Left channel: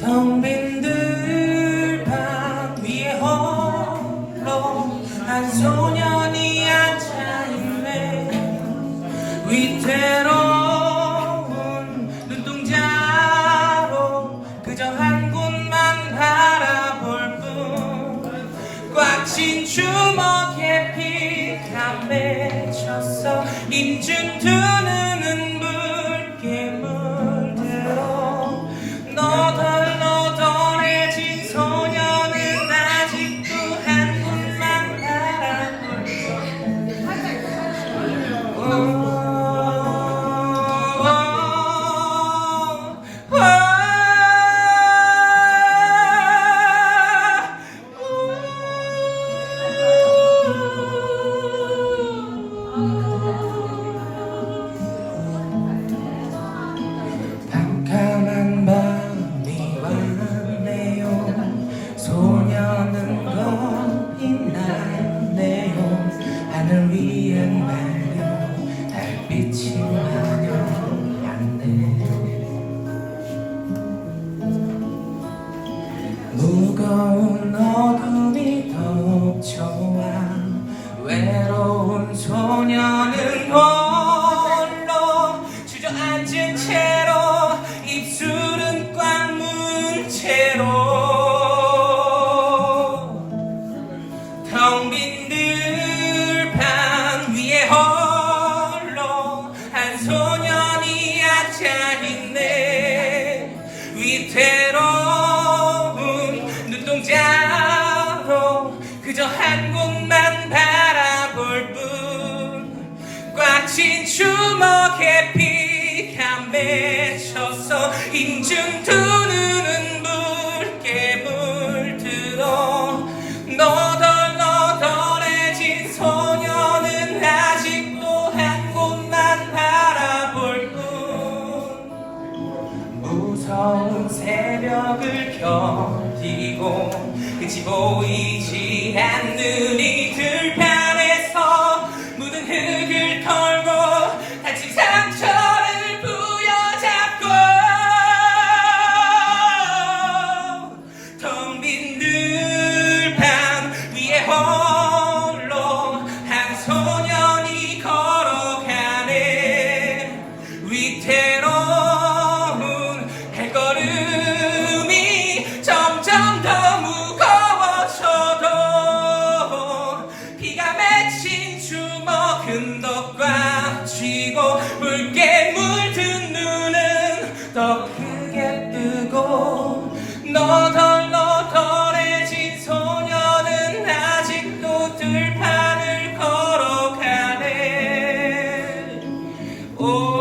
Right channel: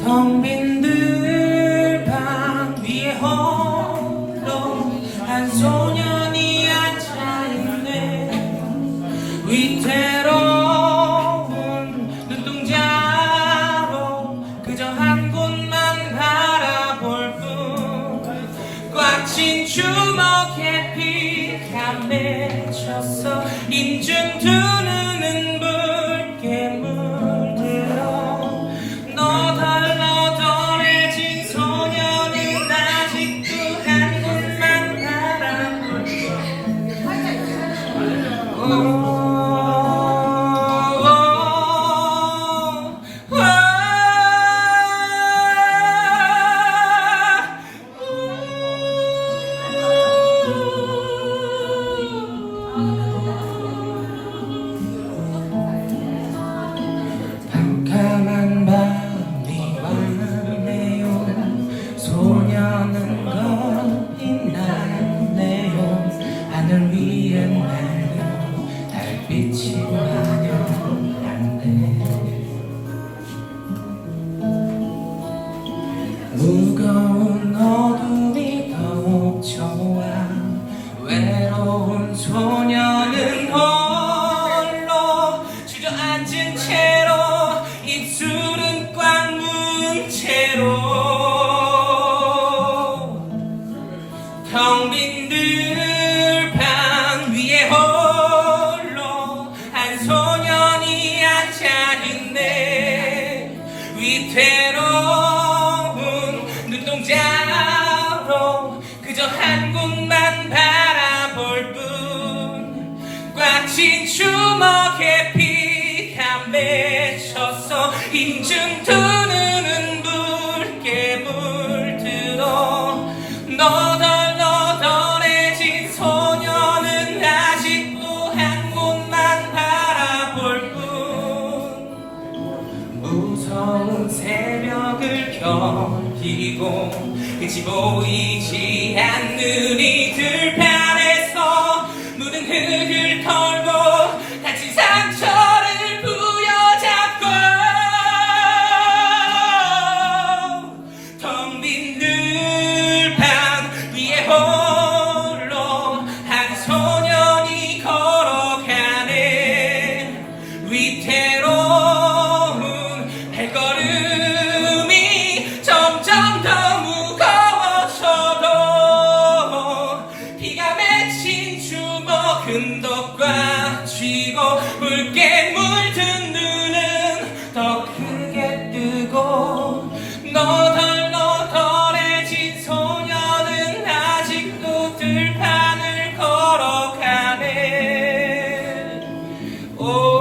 텅빈 들방 위에 홀로 한소 맺혔어. 인중 두 눈은 붉게 물들어. 너덜너덜해진 소녀는 아직도 한 곳만 바라볼 캄 무거운 어둠이 덮쳐와 외로운 소녀는 홀로 주저앉은 채 그저 한 곳만 바라볼 뿐. 꽉친 주먹에 피가 맺혔어 인중 두 무서운 새벽을 견디고 끝이 보이지 않는 이 들판 더꽉 쥐고 붉게 물든 눈은 더 크게 뜨고 너덜 너덜해진 소녀는 아직도 들판을 걸어가네. 오, 오,